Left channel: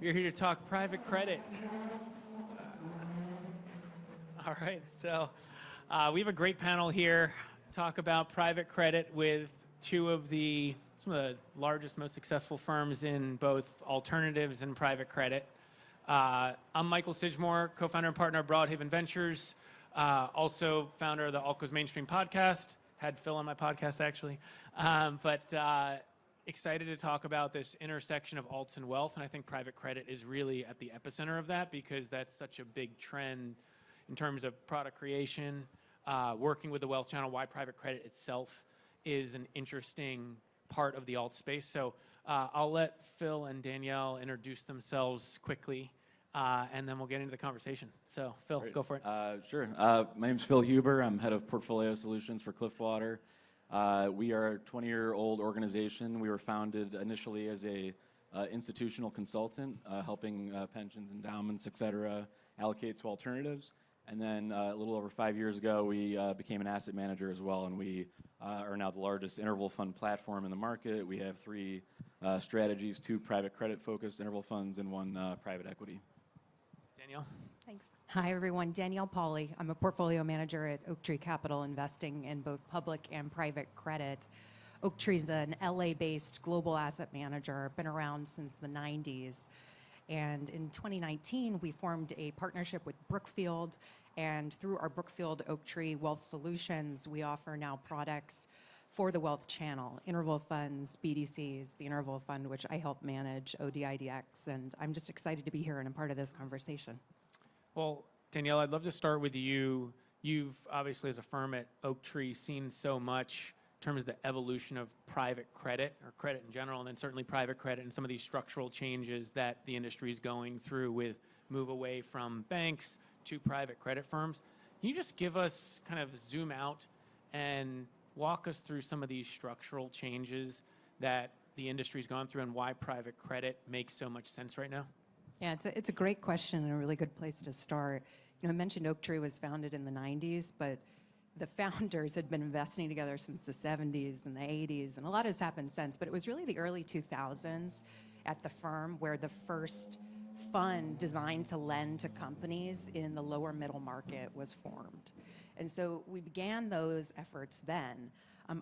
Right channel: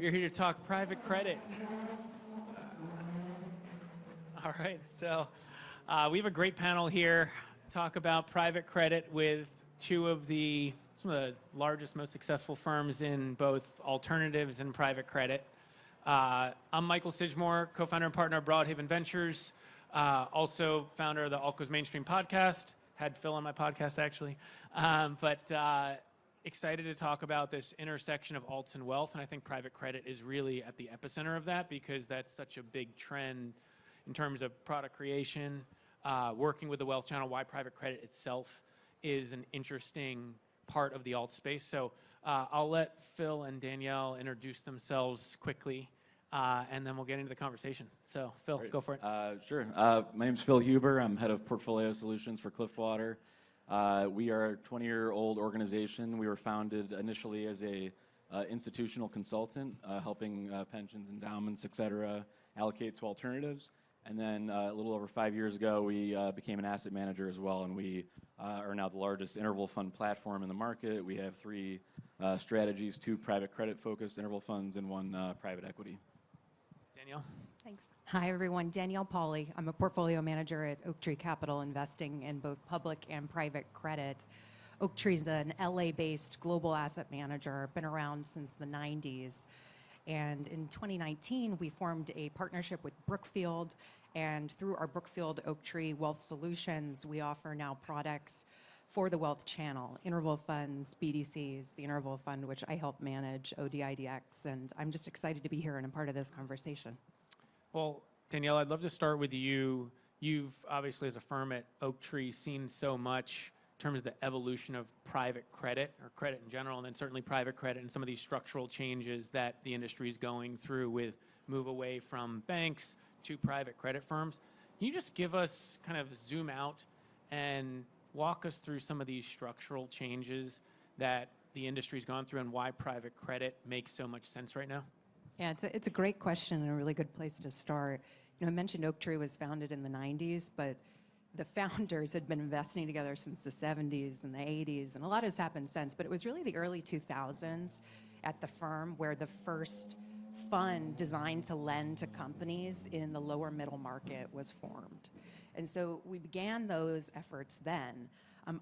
We're here to talk private credit. All right, so we have a great panel here. Talk about private credit with some of the largest, most successful firms in both alternatives and private credit. I'm Michael Sidgmore, co-founder and partner of Broadhaven Ventures, also founder of the All Goes Mainstream podcast. Had Phil on my podcast actually, but excited to talk about this intersection of alts and wealth, and I think private credit is really at the epicenter of that because that's such a big trend in terms of product creation, working with the wealth channel, why private credit itself is an interesting part of the alt space. So I'll let Phil and Danielle introduce themselves quickly, and then we'll get into the conversation. So Phil, Great. Go for it. Sure. My name's Phil Huber. I'm head of portfolio solutions for Cliffwater. We are a 20-year-old organization. We were founded initially as a institutional consultant, helping pensions, endowments, et cetera, allocate to alternatives. And then a little over 5 years ago, we became an asset manager as well, and we are now the largest interval fund platform in the market. We have 3 strategies, 2 private credit-focused interval funds and 1 private equity. Danielle? Thanks. Hi, everyone. Danielle Pauly. I'm a portfolio manager at Oaktree Capital, investing in both public and private credit. Oaktree's an LA-based global asset manager, been around since the 90s. And in 2019, we formed a partnership with Brookfield, and through our Brookfield Oaktree Wealth Solutions, we offer now products for the wealth channel, interval funds, BDCs, the interval fund, which I help manage, ODIDX, and I'm just excited to be here and a part of this conversation. Well, Danielle, I'd love to start with you. You've obviously, as a firm at Oaktree, seen so much in terms of the evolution of private credit or credit in general, and then certainly private credit and some of these structural changes that the industry is going through with move away from banks to private credit firms. Can you just give us kind of zoom out and walk us through some of these structural changes that the industry's gone through and why private credit makes so much sense right now? Yeah, it's a great question and a really good place to start. You know, I mentioned Oaktree was founded in the 90s, but the founders had been investing together since the 70s and the 80s, and a lot has happened since, but it was really the early 2000s at the firm where the first fund designed to lend to companies in the lower middle market was formed. And so we began those efforts then.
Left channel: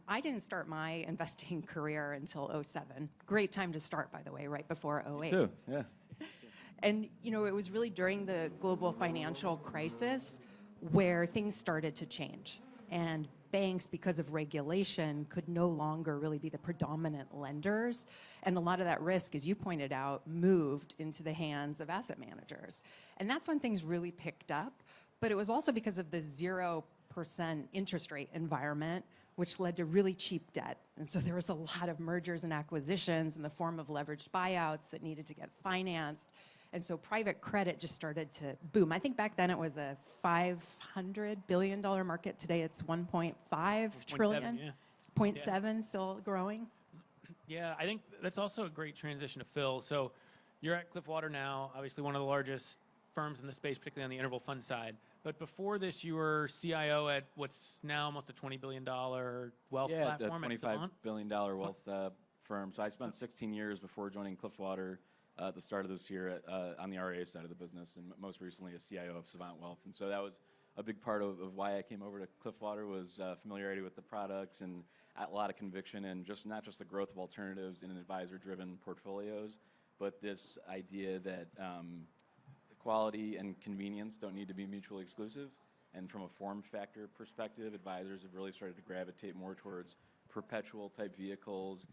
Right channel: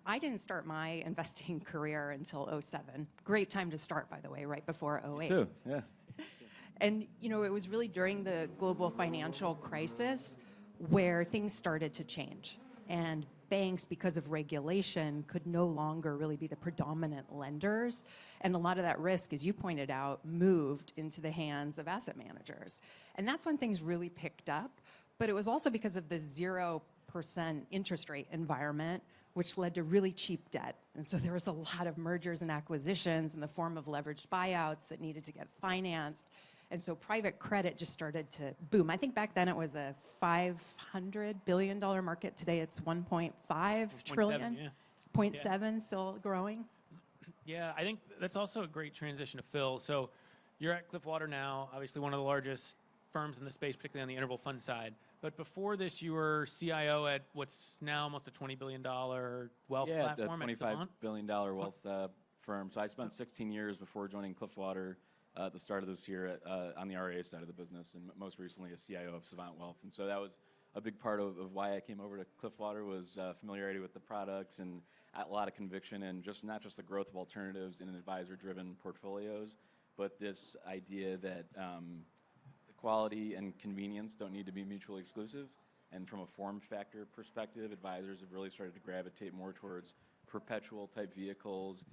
I didn't start my investing career until '07. Great time to start, by the way, right before '08. Me too, yeah. And, you know, it was really during the global financial crisis where things started to change. And banks, because of regulation, could no longer really be the predominant lenders. And a lot of that risk, as you pointed out, moved into the hands of asset managers. And that's when things really picked up. But it was also because of the 0% interest rate environment, which led to really cheap debt. And so there was a lot of mergers and acquisitions in the form of leveraged buyouts that needed to get financed. And so private credit just started to boom. I think back then it was a $500 billion market. Today it's 1.5 trillion. Yeah. 0.7, still growing. Yeah, I think that's also a great transition to Phil. So you're at Cliffwater now, obviously one of the largest firms in the space, particularly on the interval fund side. But before this, you were CIO at what's now almost a $20 billion wealth platform. Yeah, $25 billion wealth firm. So I spent 16 years before joining Cliffwater at the start of this year on the RIA side of the business, and most recently as CIO of Savant Wealth. And so that was a big part of why I came over to Cliffwater was familiarity with the products and a lot of conviction, and just not just the growth of alternatives in advisor-driven portfolios, but this idea that quality and convenience don't need to be mutually exclusive. And from a form factor perspective, advisors have really started to gravitate more towards perpetual type vehicles.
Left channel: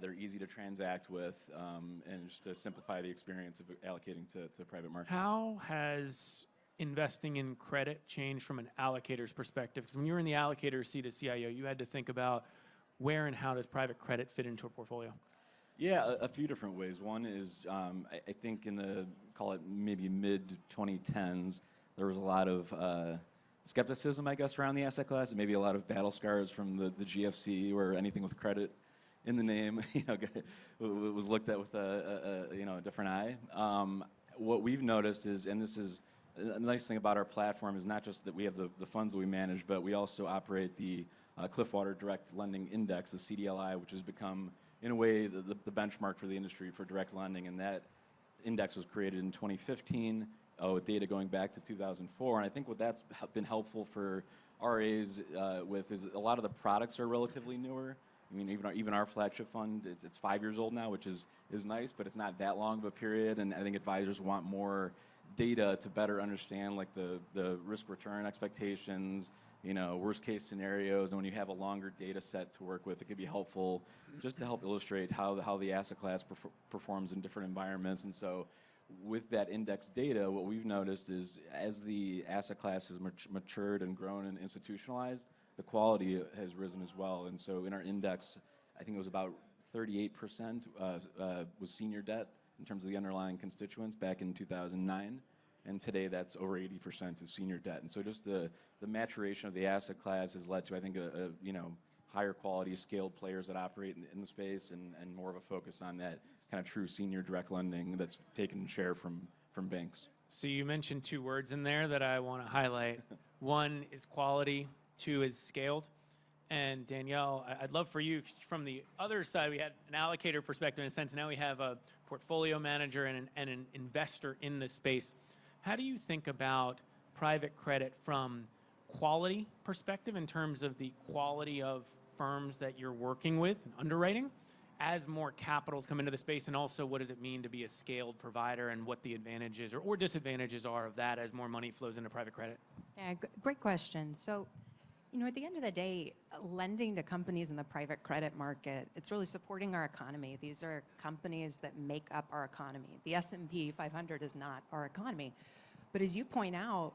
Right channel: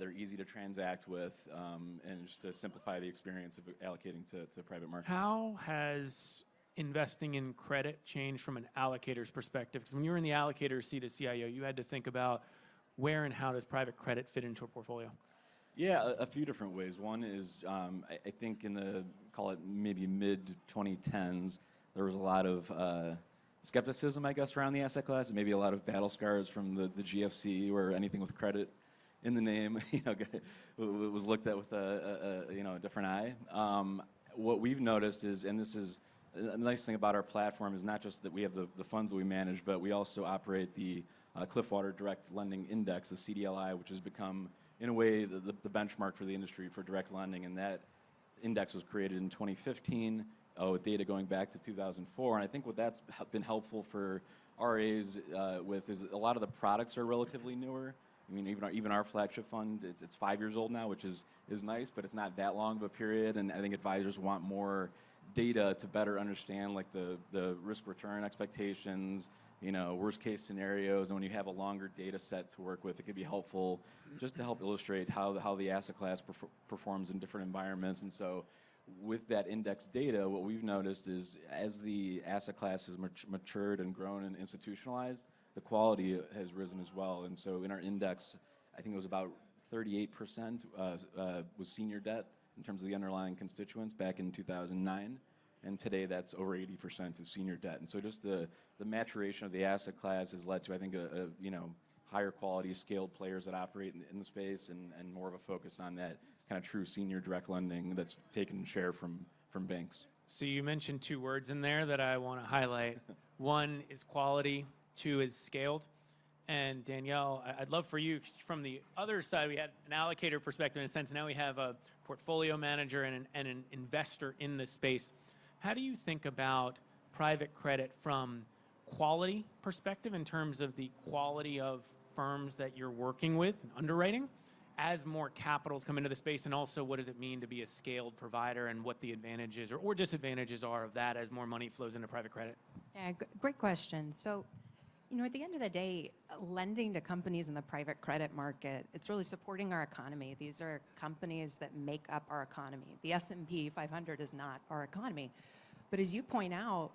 They're easy to transact with, and just to simplify the experience of allocating to private markets. How has investing in credit changed from an allocator's perspective? Because when you were in the allocator seat as CIO, you had to think about where and how does private credit fit into a portfolio? Yeah, a few different ways. One is, I think in the, call it maybe mid-2010s, there was a lot of skepticism, I guess, around the asset class, and maybe a lot of battle scars from the GFC, where anything with credit in the name, was looked at with a different eye. What we've noticed is, and this is the nice thing about our platform, is not just that we have the funds that we manage, but we also operate the Cliffwater Direct Lending Index, the CDLI, which has become, in a way, the benchmark for the industry for direct lending, and that index was created in 2015 with data going back to 2004. And I think what that's been helpful for RAs with is a lot of the products are relatively newer. I mean, even our flagship fund, it's 5 years old now, which is nice, but it's not that long of a period. And I think advisors want more data to better understand like the risk return expectations, worst case scenarios. And when you have a longer data set to work with, it could be helpful just to help illustrate how the asset class performs in different environments. And so with that index data, what we've noticed is as the asset class has matured and grown and institutionalized, the quality has risen as well. And so in our index, I think it was about 38% was senior debt in terms of the underlying constituents back in 2009. And today that's over 80% is senior debt. And so just the maturation of the asset class has led to, I think, higher quality scaled players that operate in the space and more of a focus on that kind of true senior direct lending that's taken share from banks. So you mentioned two words in there that I want to highlight. One is quality, two is scaled. And Danielle, I'd love for you, from the other side, we had an allocator perspective in a sense. Now we have a portfolio manager and an investor in this space. How do you think about private credit from quality perspective in terms of the quality of firms that you're working with and underwriting as more capitals come into the space, and also what does it mean to be a scaled provider and what the advantages or disadvantages are of that as more money flows into private credit? Yeah, great question. So, at the end of the day, lending to companies in the private credit market, it's really supporting our economy. These are companies that make up our economy. The S&P 500 is not our economy. But as you point out,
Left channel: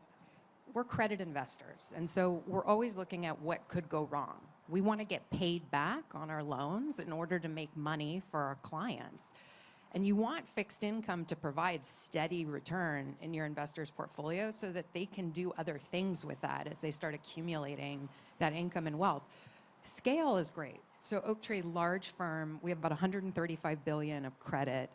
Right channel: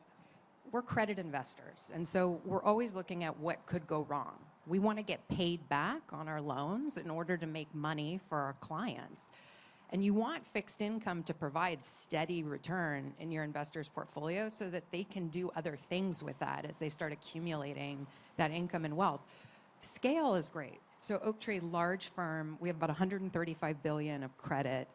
we're credit investors. And so we're always looking at what could go wrong. We want to get paid back on our loans in order to make money for our clients. And you want fixed income to provide steady return in your investors' portfolio so that they can do other things with that as they start accumulating that income and wealth. Scale is great. So Oaktree, large firm, we have about $135 billion of credit.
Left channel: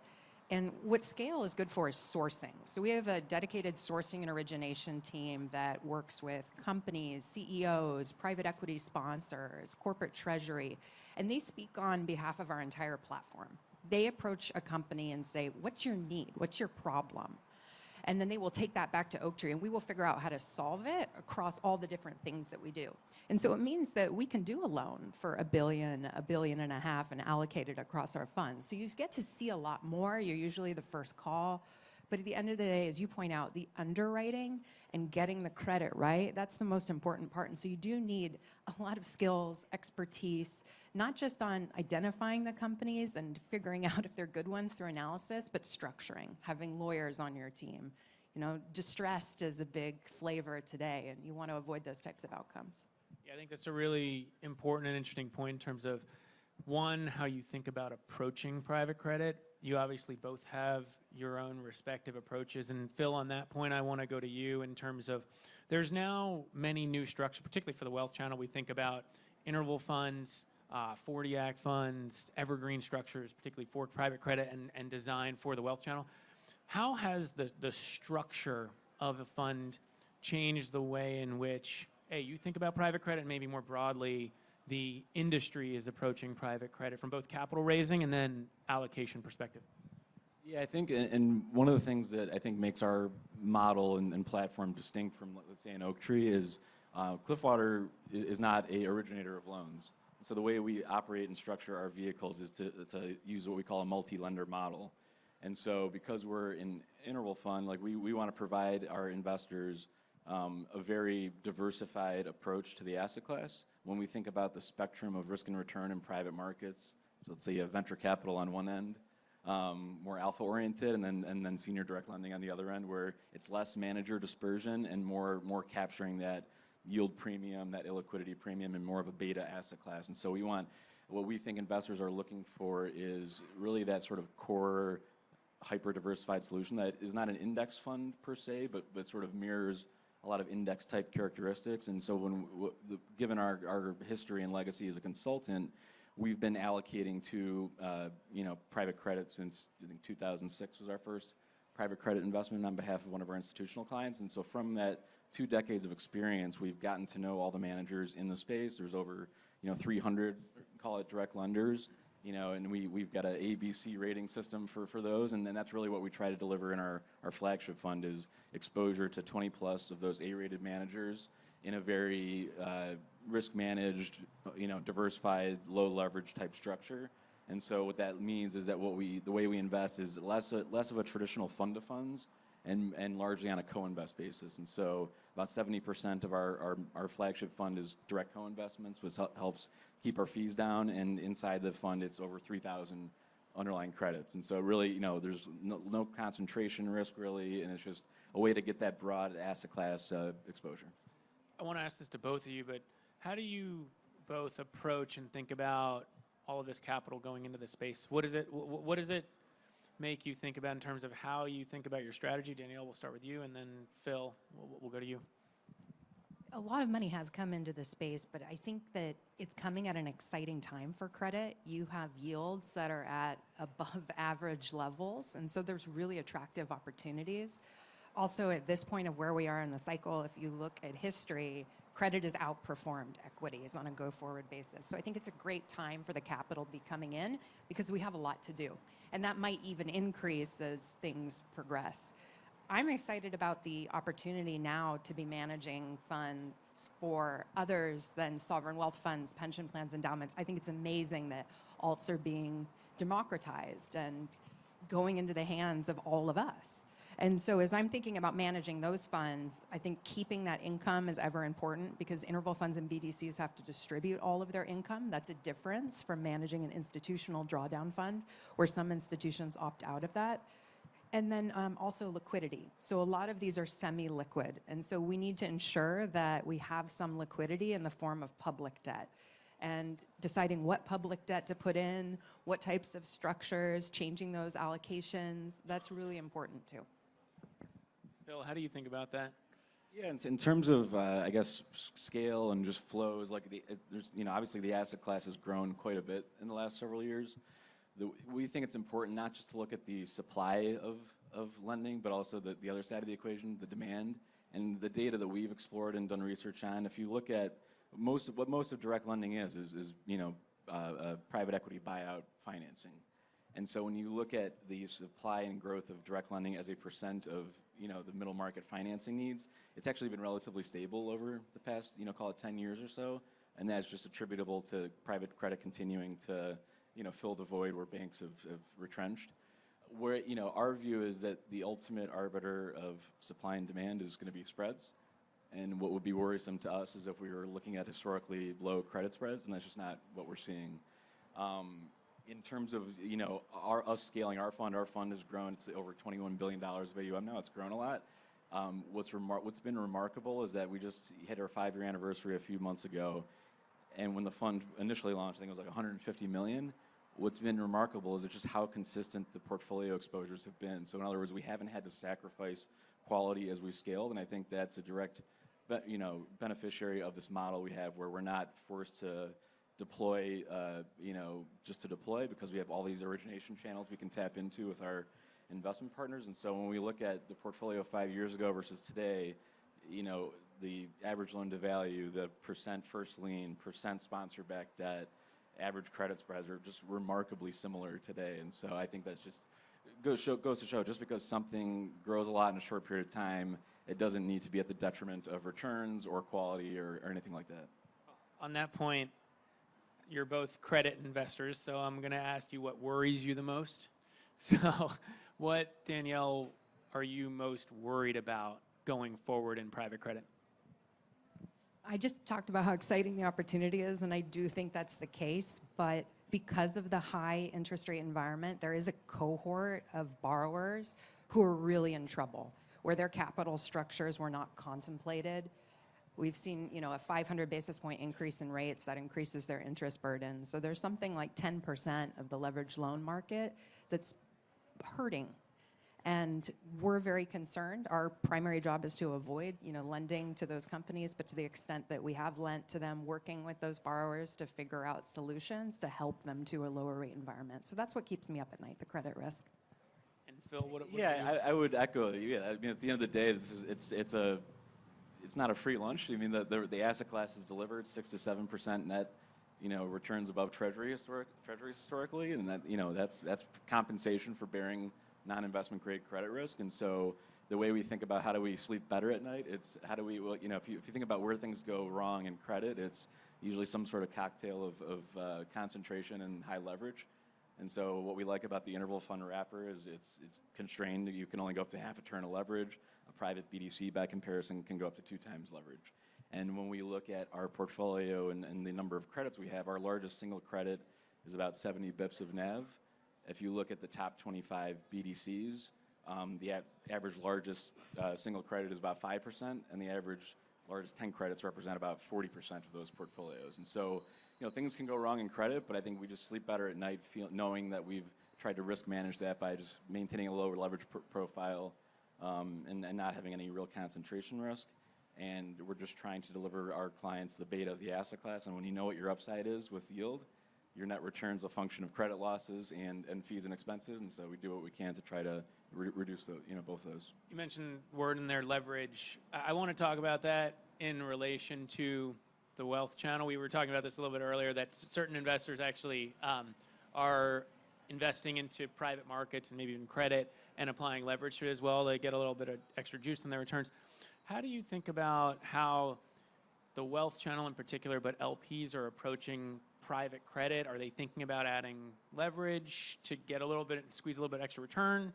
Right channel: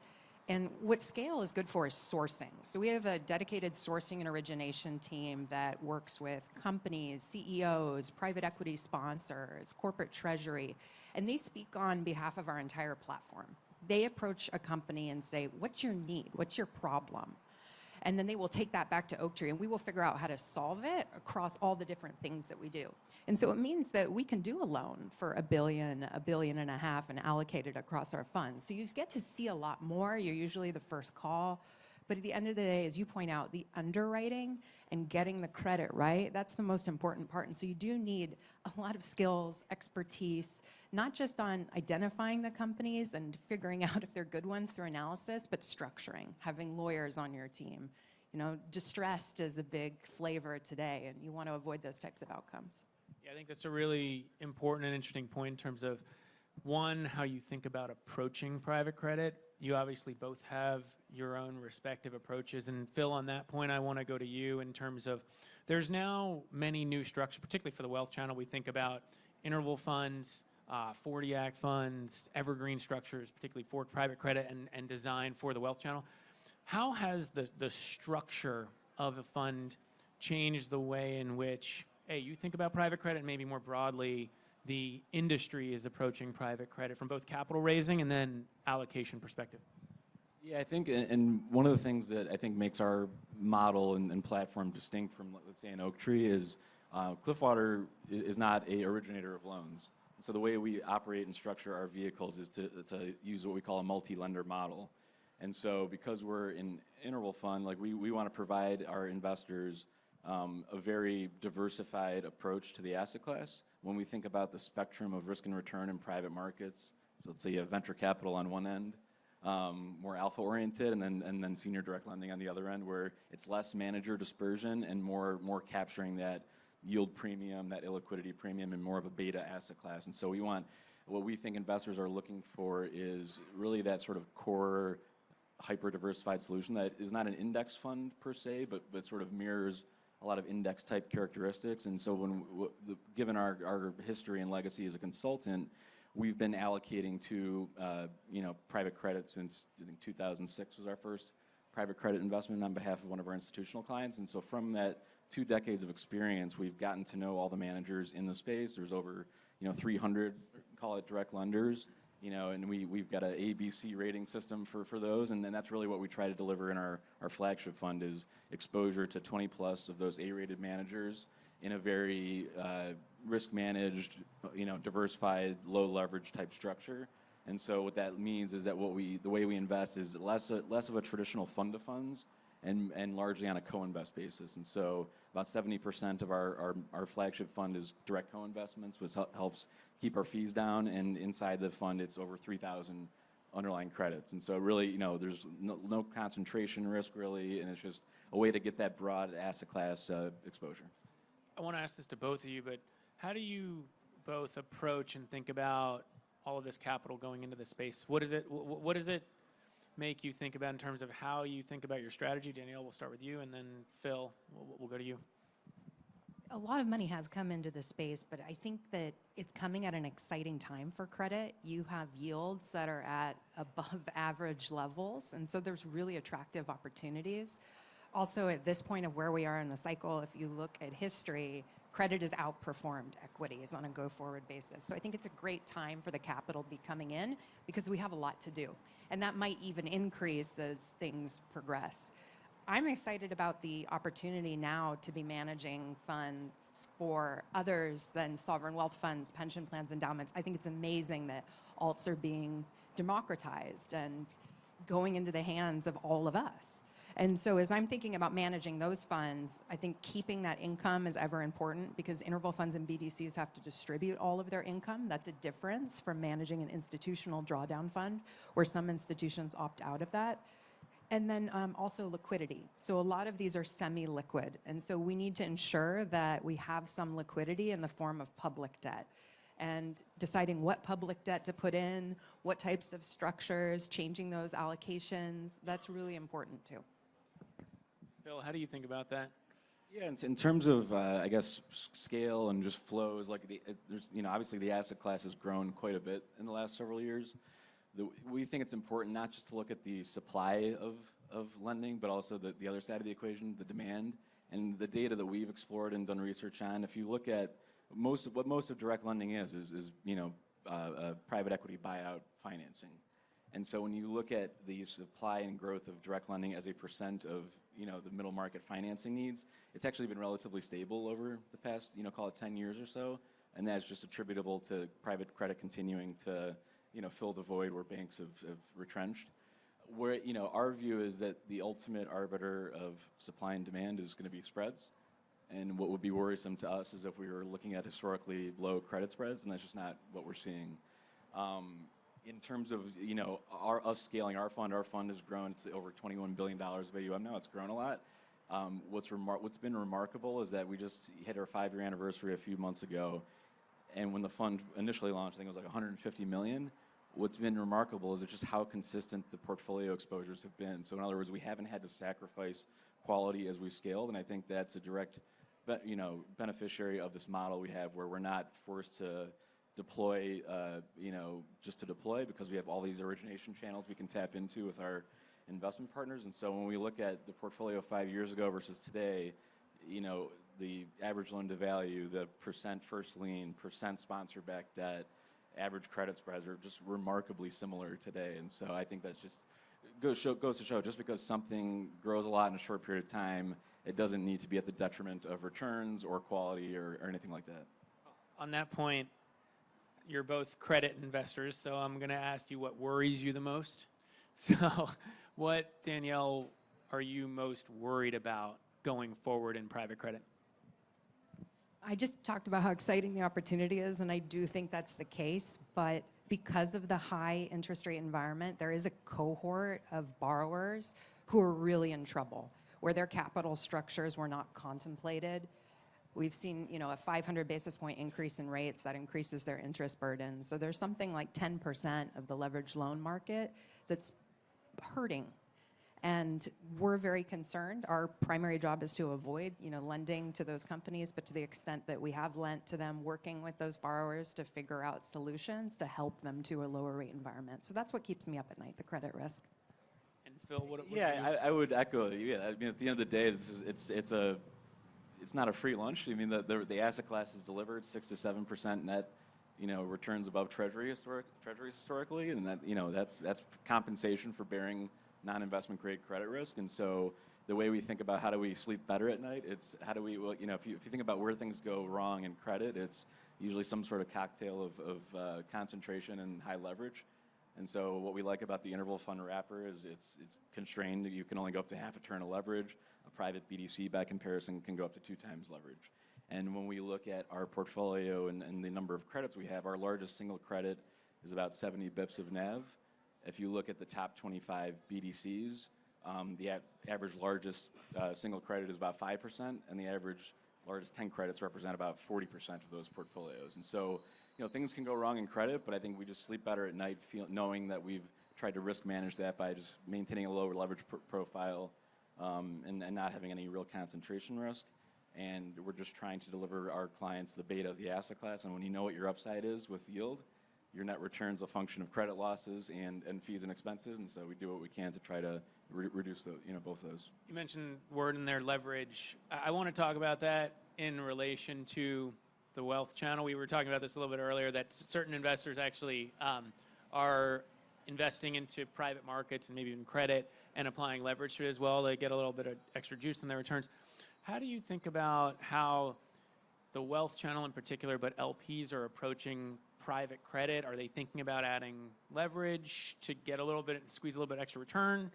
And what scale is good for is sourcing. So we have a dedicated sourcing and origination team that works with companies, CEOs, private equity sponsors, corporate treasury, and they speak on behalf of our entire platform. They approach a company and say, what's your need? What's your problem? And then they will take that back to Oaktree, and we will figure out how to solve it across all the different things that we do. And so it means that we can do a loan for $1 billion, $1.5 billion, and allocate it across our funds. So you get to see a lot more. You're usually the first call. But at the end of the day, as you point out, the underwriting and getting the credit right, that's the most important part. And so you do need a lot of skills, expertise, not just on identifying the companies and figuring out if they're good ones through analysis, but structuring, having lawyers on your team. Distressed is a big flavor today, and you want to avoid those types of outcomes. Yeah, I think that's a really important and interesting point in terms of, one, how you think about approaching private credit. You obviously both have your own respective approaches. And Phil, on that point, I want to go to you in terms of, there's now many new structures, particularly for the wealth channel. We think about interval funds, 40 Act funds, evergreen structures, particularly for private credit and designed for the wealth channel. How has the structure of a fund changed the way in which, you think about private credit, maybe more broadly, the industry is approaching private credit from both capital raising and then allocation perspective? Yeah, I think, and one of the things that I think makes our model and platform distinct from, let's say, an Oaktree is Cliffwater is not a originator of loans. So the way we operate and structure our vehicles is to use what we call a multi-lender model. And so because we're an interval fund, like we want to provide our investors a very diversified approach to the asset class. When we think about the spectrum of risk and return in private markets, so let's say you have venture capital on one end, more alpha oriented, and then senior direct lending on the other end, where it's less manager dispersion and more capturing that yield premium, that illiquidity premium, and more of a beta asset class. And so what we think investors are looking for is really that sort of core hyper diversified solution that is not an index fund per se, but sort of mirrors a lot of index type characteristics. And so given our history and legacy as a consultant, we've been allocating to private credit since, I think, 2006 was our first private credit investment on behalf of one of our institutional clients. And so from that 2 decades of experience, we've gotten to know all the managers in the space. There's over 300, call it, direct lenders. and we've got an A, B, C rating system for those, and then that's really what we try to deliver in our flagship fund is exposure to 20 plus of those A-rated managers in a very risk managed, diversified, low leverage type structure. And so what that means is that the way we invest is less of a traditional fund of funds and largely on a co-invest basis. And so about 70% of our flagship fund is direct co-investments, which helps keep our fees down. And inside the fund, it's over 3,000 underlying credits. And so really, there's no concentration risk really, and it's just a way to get that broad asset class exposure. I want to ask this to both of you, but how do you both approach and think about all of this capital going into the space? What does it make you think about in terms of how you think about your strategy? Danielle, we'll start with you, and then Phil, we'll go to you. A lot of money has come into the space, but I think that it's coming at an exciting time for credit. You have yields that are at above average levels, and so there's really attractive opportunities. Also, at this point of where we are in the cycle, if you look at history, credit has outperformed equities on a go-forward basis. So I think it's a great time for the capital to be coming in because we have a lot to do. And that might even increase as things progress. I'm excited about the opportunity now to be managing funds for others than sovereign wealth funds, pension plans, endowments. I think it's amazing that alts are being democratized and going into the hands of all of us. And so as I'm thinking about managing those funds, I think keeping that income is ever important because interval funds and BDCs have to distribute all of their income. That's a difference from managing an institutional drawdown fund where some institutions opt out of that. And then also liquidity. So a lot of these are semi-liquid. And so we need to ensure that we have some liquidity in the form of public debt. And deciding what public debt to put in, what types of structures, changing those allocations, that's really important too. Phil, how do you think about that? Yeah, in terms of, I guess, scale and just flows, like there's, obviously the asset class has grown quite a bit in the last several years. We think it's important not just to look at the supply of lending, but also the other side of the equation, the demand. And the data that we've explored and done research on, if you look at most of direct lending is private equity buyout financing. And so when you look at the supply and growth of direct lending as a percent of the middle market financing needs, it's actually been relatively stable over the past call it 10 years or so, and that's just attributable to private credit continuing to fill the void where banks have retrenched. Where our view is that the ultimate arbiter of supply and demand is going to be spreads, and what would be worrisome to us is if we were looking at historically low credit spreads, and that's just not what we're seeing. In terms of us scaling our fund has grown to over $21 billion of AUM now. It's grown a lot. What's been remarkable is that we just hit our 5-year anniversary a few months ago, and when the fund initially launched, I think it was like 150 million. What's been remarkable is just how consistent the portfolio exposures have been. So in other words, we haven't had to sacrifice quality as we've scaled, and I think that's a direct beneficiary of this model we have, where we're not forced to deploy, just to deploy, because we have all these origination channels we can tap into with our investment partners. And so when we look at the portfolio 5 years ago versus today, the average loan to value, the percent first lien, percent sponsor-backed debt, average credit spreads are just remarkably similar today. And so I think that's just goes to show, just because something grows a lot in a short period of time, it doesn't need to be at the detriment of returns or quality or anything like that. On that point, you're both credit investors, so I'm going to ask you what worries you the most. So what, Danielle, are you most worried about going forward in private credit? I just talked about how exciting the opportunity is, and I do think that's the case, but because of the high interest rate environment, there is a cohort of borrowers who are really in trouble, where their capital structures were not contemplated. We've seen, a 500 basis point increase in rates that increases their interest burden. So there's something like 10% of the leveraged loan market that's hurting. And we're very concerned. Our primary job is to avoid, lending to those companies, but to the extent that we have lent to them, working with those borrowers to figure out solutions to help them to a lower rate environment. So that's what keeps me up at night, the credit risk. And Phil, what Yeah, I would echo you. Yeah, I mean, at the end of the day, it's not a free lunch. I mean, the asset class is delivered 6 to 7% net, returns above treasuries historically, and that's compensation for bearing non-investment grade credit risk. And so the way we think about how do we sleep better at night, it's how do we, well, if you think about where things go wrong in credit, it's usually some sort of cocktail of concentration and high leverage. And so what we like about the interval fund wrapper is it's constrained. You can only go up to half a turn of leverage. A private BDC, by comparison, can go up to 2 times leverage. And when we look at our portfolio and the number of credits we have, our largest single credit is about 70 bips of NAV. If you look at the top 25 BDCs, the average largest single credit is about 5%, and the average largest 10 credits represent about 40% of those portfolios. And so, things can go wrong in credit, but I think we just sleep better at night knowing that we've tried to risk manage that by just maintaining a lower leverage profile and not having any real concentration risk. And we're just trying to deliver our clients the beta of the asset class. And when you know what your upside is with yield, your net return's a function of credit losses and fees and expenses. And so we do what we can to try to reduce both of those. You mentioned word in there, leverage. I want to talk about that in relation to the wealth channel. We were talking about this a little bit earlier, that certain investors actually are investing into private markets and maybe even credit and applying leverage to it as well to get a little bit of extra juice in their returns. How do you think about how the wealth channel in particular, but LPs are approaching private credit? Are they thinking about adding leverage to get squeeze a little bit extra return?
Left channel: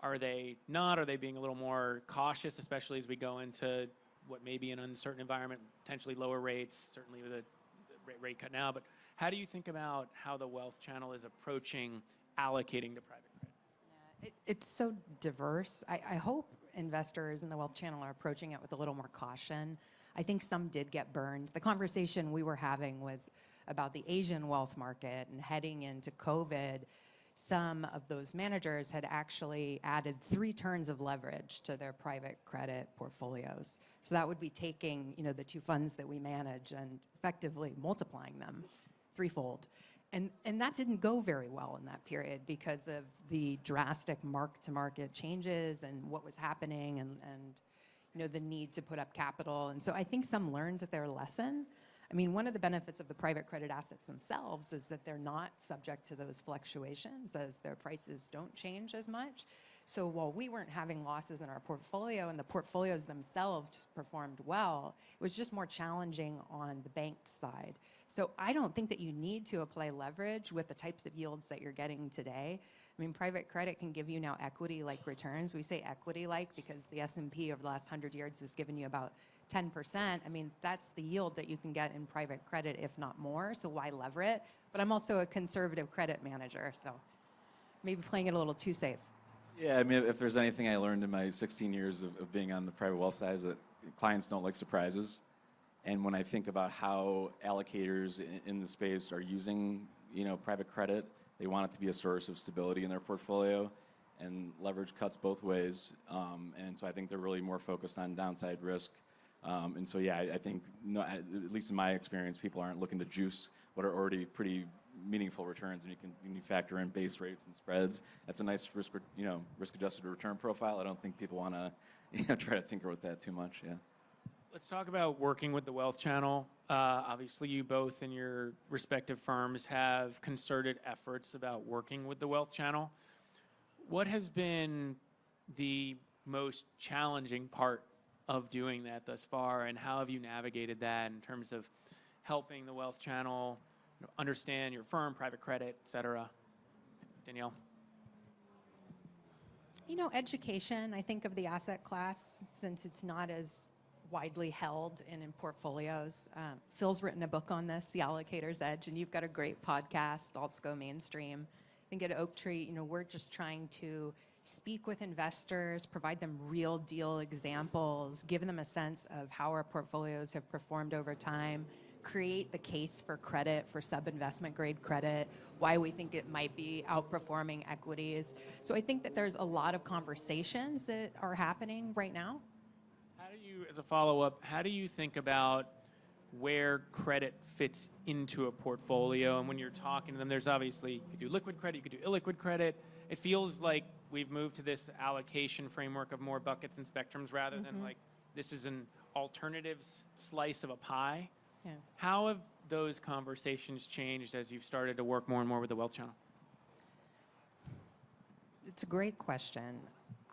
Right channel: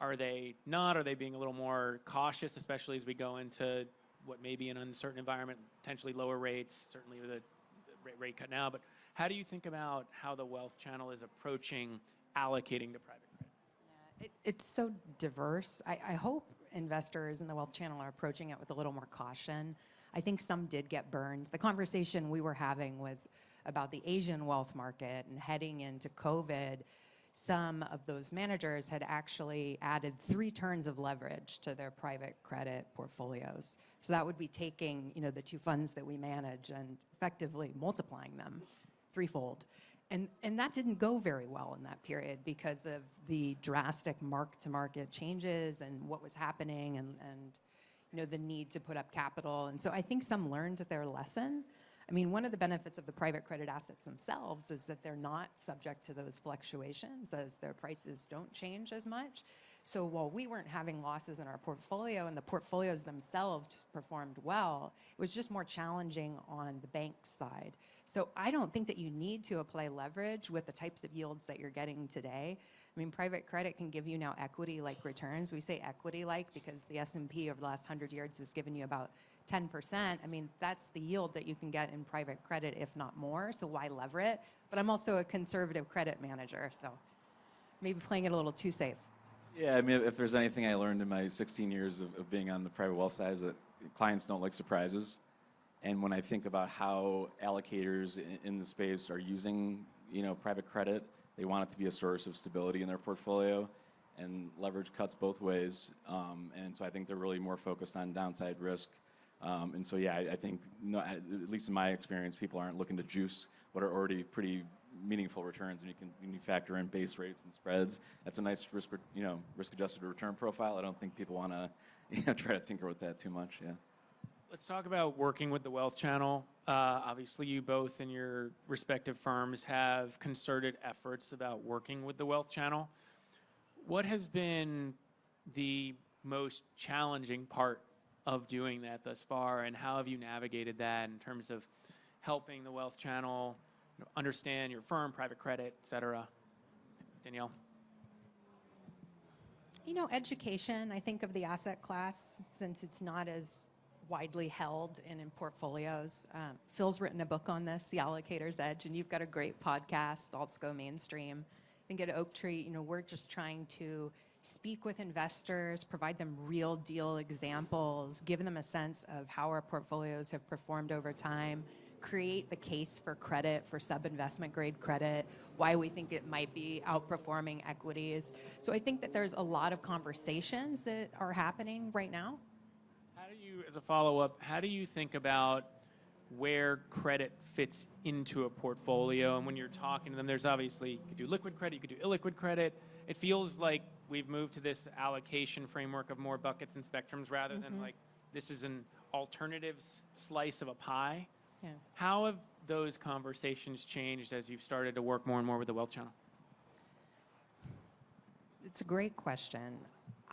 Are they not? Are they being a little more cautious, especially as we go into what may be an uncertain environment, potentially lower rates, certainly with a rate cut now? But how do you think about how the wealth channel is approaching allocating to private credit? It's so diverse. I hope investors in the wealth channel are approaching it with a little more caution. I think some did get burned. The conversation we were having was about the Asian wealth market, and heading into COVID, some of those managers had actually added 3 turns of leverage to their private credit portfolios. So that would be taking, the 2 funds that we manage and effectively multiplying them threefold. And that didn't go very well in that period because of the drastic mark-to-market changes and what was happening and the need to put up capital. And so I think some learned their lesson. I mean, one of the benefits of the private credit assets themselves is that they're not subject to those fluctuations as their prices don't change as much. So while we weren't having losses in our portfolio and the portfolios themselves performed well, it was just more challenging on the bank side. So I don't think that you need to apply leverage with the types of yields that you're getting today. I mean, private credit can give you now equity-like returns. We say equity-like because the S&P of the last 100 years has given you about 10%. I mean, that's the yield that you can get in private credit, if not more, so why lever it? But I'm also a conservative credit manager, so maybe playing it a little too safe. Yeah, I mean, if there's anything I learned in my 16 years of being on the private wealth side is that clients don't like surprises. And when I think about how allocators in the space are using, private credit, they want it to be a source of stability in their portfolio, and leverage cuts both ways. And so I think they're really more focused on downside risk. And so, yeah, I think, at least in my experience, people aren't looking to juice what are already pretty meaningful returns. And when you factor in base rates and spreads, that's a nice risk-adjusted return profile. I don't think people want to, try to tinker with that too much. Yeah. Let's talk about working with the wealth channel. Obviously, you both in your respective firms have concerted efforts about working with the wealth channel. What has been the most challenging part of doing that thus far, and how have you navigated that in terms of helping the wealth channel understand your firm, private credit, et cetera? Danielle? Education, I think, of the asset class, since it's not as widely held and in portfolios. Phil's written a book on this, The Allocator's Edge, and you've got a great podcast, Alts Go Mainstream. I think at Oaktree, we're just trying to speak with investors, provide them real deal examples, give them a sense of how our portfolios have performed over time, create the case for credit, for sub-investment grade credit, why we think it might be outperforming equities. So I think that there's a lot of conversations that are happening right now. How do you, as a follow-up, how do you think about where credit fits into a portfolio? And when you're talking to them, there's obviously, you could do liquid credit, you could do illiquid credit. It feels like we've moved to this allocation framework of more buckets and spectrums rather than like this is an alternatives slice of a pie. Yeah. How have those conversations changed as you've started to work more and more with the wealth channel? It's a great question.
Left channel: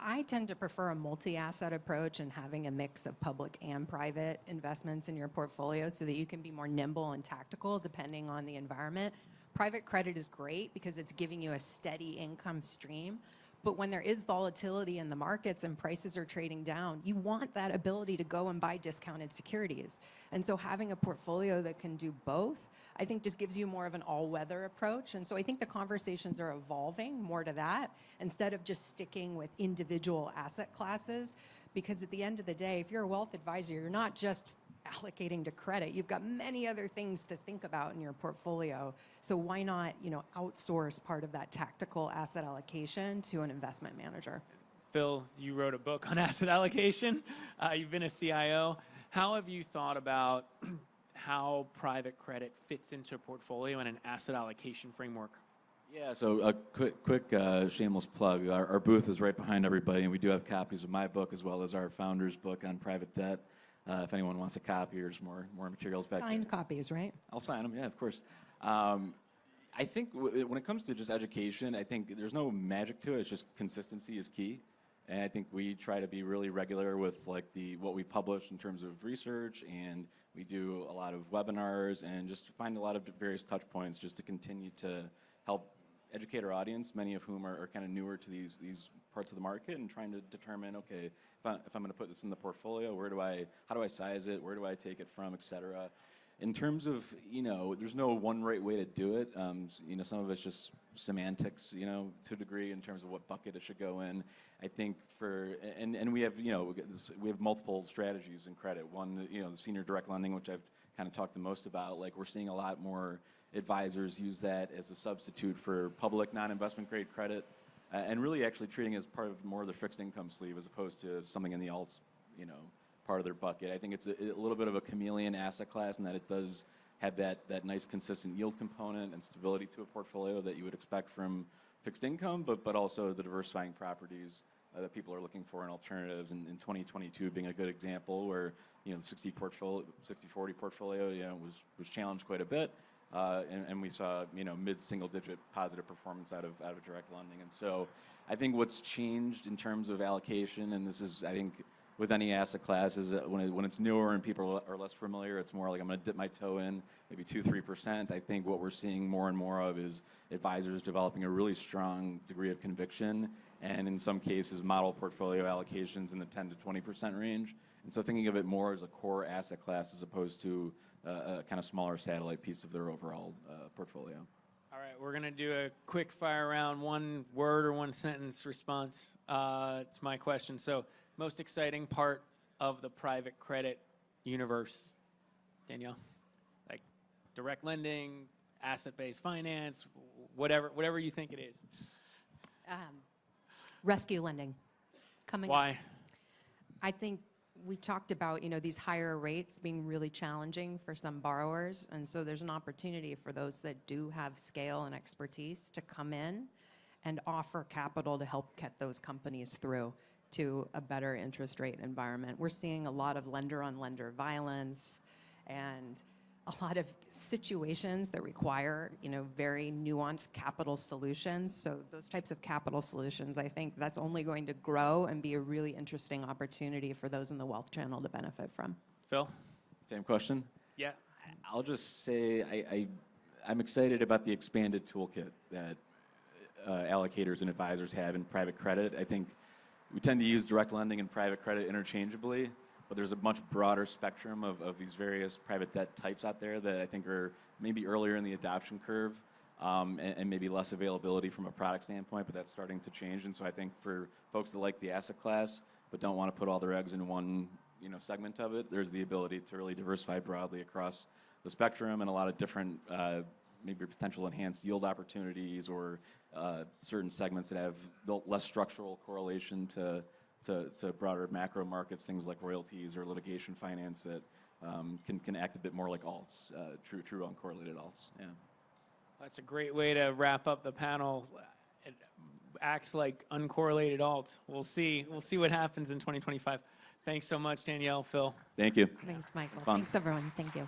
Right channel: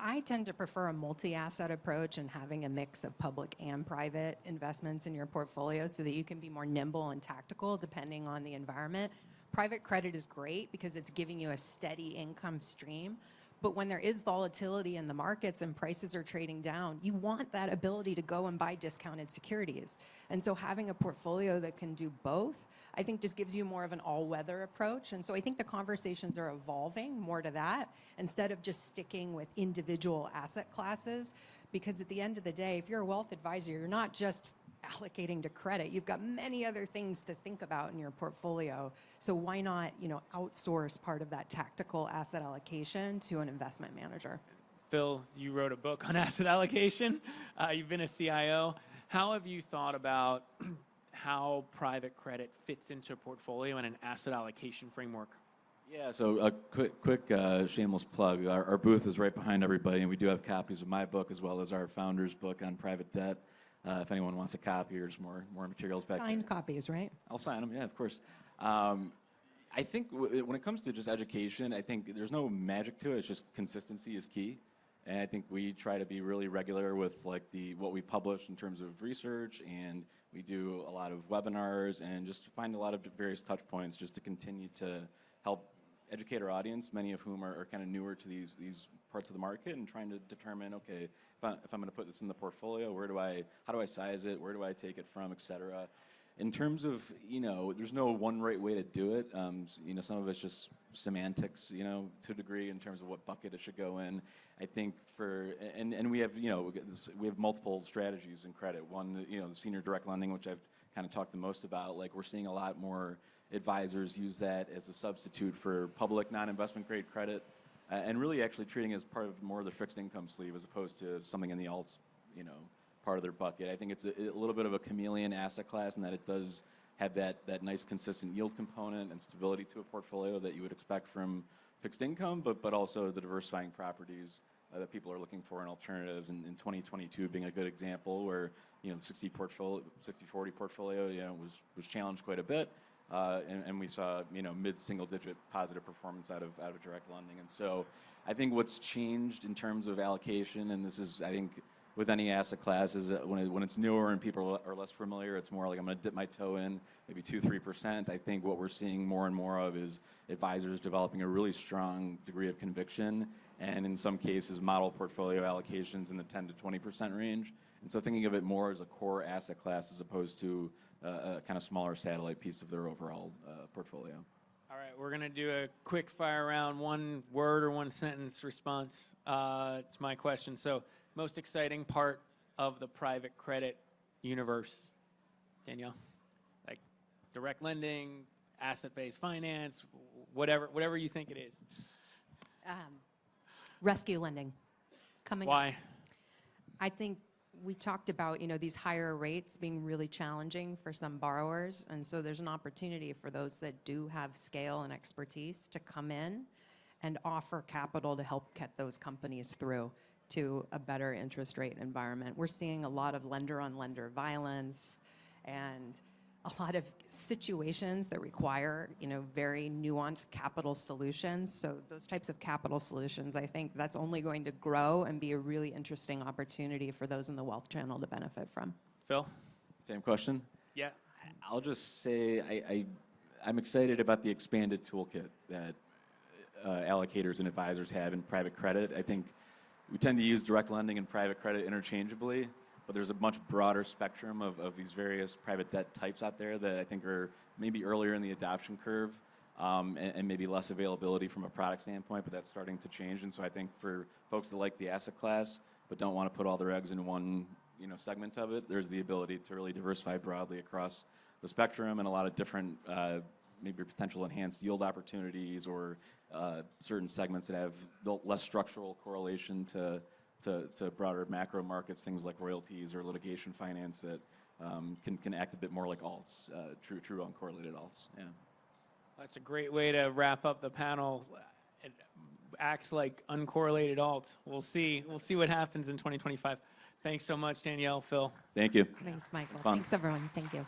I tend to prefer a multi-asset approach and having a mix of public and private investments in your portfolio so that you can be more nimble and tactical depending on the environment. Private credit is great because it's giving you a steady income stream. But when there is volatility in the markets and prices are trading down, you want that ability to go and buy discounted securities. And so having a portfolio that can do both, I think just gives you more of an all-weather approach. And so I think the conversations are evolving more to that instead of just sticking with individual asset classes. Because at the end of the day, if you're a wealth advisor, you're not just allocating to credit. You've got many other things to think about in your portfolio. So why not, outsource part of that tactical asset allocation to an investment manager? Phil, you wrote a book on asset allocation. You've been a CIO. How have you thought about how private credit fits into a portfolio and an asset allocation framework? Yeah, so a quick shameless plug. Our booth is right behind everybody, and we do have copies of my book as well as our founder's book on private debt. If anyone wants a copy or some more materials back Signed there. copies, right? I'll sign them, yeah, of course. I think when it comes to just education, I think there's no magic to it. It's just consistency is key. And I think we try to be really regular with what we publish in terms of research, and we do a lot of webinars and just find a lot of various touch points just to continue to help educate our audience, many of whom are kind of newer to these parts of the market, and trying to determine, okay, if I'm going to put this in the portfolio, how do I size it, where do I take it from, et cetera. In terms of, there's no one right way to do it. Some of it's just semantics, to a degree in terms of what bucket it should go in. I think and we have, we have multiple strategies in credit. One, the senior direct lending, which I've kind of talked the most about. Like, we're seeing a lot more advisors use that as a substitute for public non-investment grade credit, and really actually treating it as part of more of their fixed income sleeve as opposed to something in the alts, part of their bucket. I think it's a little bit of a chameleon asset class in that it does have that nice consistent yield component and stability to a portfolio that you would expect from fixed income, but also the diversifying properties that people are looking for in alternatives. And in 2022 being a good example where, the 60-40 portfolio, was challenged quite a bit. And we saw, mid-single digit positive performance out of direct lending. And so I think what's changed in terms of allocation, and this is, I think, with any asset class, is that when it's newer and people are less familiar, it's more like I'm going to dip my toe in, maybe 2-3%. I think what we're seeing more and more of is advisors developing a really strong degree of conviction, and in some cases, model portfolio allocations in the 10 to 20% range. And so thinking of it more as a core asset class as opposed to a kind of smaller satellite piece of their overall portfolio. All right, we're going to do a quick fire round, one word or one sentence response to my question. So, most exciting part of the private credit universe, Danielle? Like direct lending, asset-based finance, whatever you think it is. Rescue lending. Why? I think we talked about, these higher rates being really challenging for some borrowers. And so there's an opportunity for those that do have scale and expertise to come in and offer capital to help get those companies through to a better interest rate environment. We're seeing a lot of lender-on-lender violence and a lot of situations that require, very nuanced capital solutions. So those types of capital solutions, I think that's only going to grow and be a really interesting opportunity for those in the wealth channel to benefit from. Phil? Same question? Yeah. I'll just say I'm excited about the expanded toolkit that allocators and advisors have in private credit. I think we tend to use direct lending and private credit interchangeably, but there's a much broader spectrum of these various private debt types out there that I think are maybe earlier in the adoption curve, and maybe less availability from a product standpoint, but that's starting to change. And so I think for folks that like the asset class but don't want to put all their eggs in one segment of it, there's the ability to really diversify broadly across the spectrum and a lot of different maybe potential enhanced yield opportunities or certain segments that have less structural correlation to broader macro markets, things like royalties or litigation finance that can act a bit more like alts, true uncorrelated alts. Yeah. That's a great way to wrap up the panel. It acts like uncorrelated alts. We'll see what happens in 2025. Thanks so much, Danielle, Phil. Thank you. Thanks, Michael. Fun. Thanks, everyone. Thank you.